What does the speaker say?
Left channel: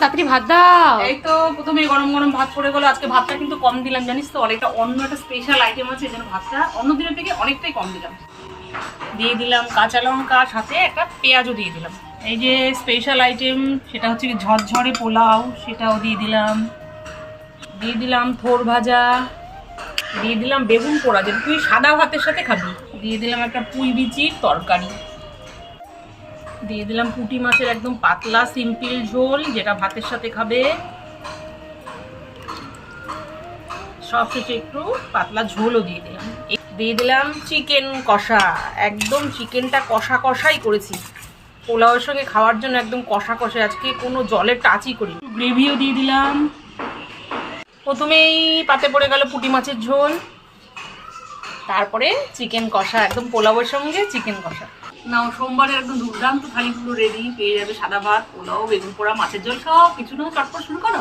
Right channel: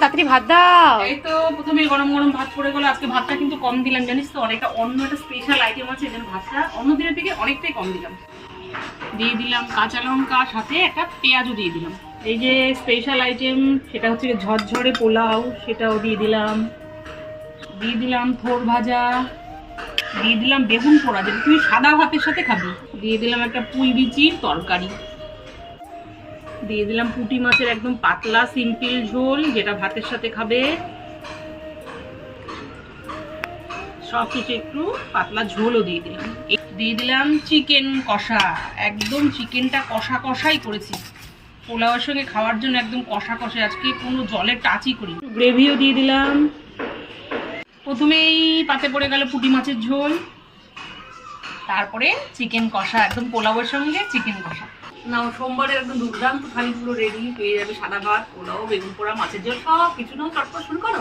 তাড়াতাড়ি ভাত দাও। এই তো প্রথমে গরম গরম ভাত পড়ে গেল। আজকে ভাতটা কিন্তু কম দিলাম জানিস তো, অনেকটা অন্য একটা স্পেশাল আইটেম আছে, এখানে ভাতটা অন্য দিনের থেকে অনেকটাই কম দিলাম। দিয়ে দিলাম কাঁচা লঙ্কা, সাথে একটা পেঁয়াজও দিয়ে দিলাম। এই যে স্পেশাল আইটেম সেটা হচ্ছে ঝরঝরে পোলাও, সেটাও দিয়ে দিলাম। দিয়ে দিলাম থোড় ভাজা, দিয়ে দিলাম বেগুন পোড়া, যেটা তুই সাদা ভাতের সাথে খাবি। দিয়ে দিলাম একটা পুঁই বিচির তরকারি, দিয়ে দিলাম পুঁটি মাছের একদম পাতলা সিম্পল ঝোল, যেটা ভাতের সাথে খাবে। সব শেষে একটু পাতলা ঝোলও দিয়ে দিলাম। দিয়ে দিলাম চিকেন কষা, একদম চিকেনটা কষা কষাই করেছি, পোলাওয়ের সঙ্গে খাওয়ার জন্য একদম কষা কষা, আজকে কোনো জলের টাচই করি। গ্রেভিও দিয়ে দিলাম। প্রথমেই পাতে পড়ে গেল পুঁটি মাছের ঝোল, তারপরে চিকেন কষা, একদম পোলাওয়ের সঙ্গে চিকেন কষা। না, সোমবারে একদম দুর্দান্ত থালি পুরো রেডি, পেয়ে যাবে সাদা ভাত, পোলাও, বেগুন পোড়া, মাছের ঝোল, সব কিছু না চটপট শুরু করো।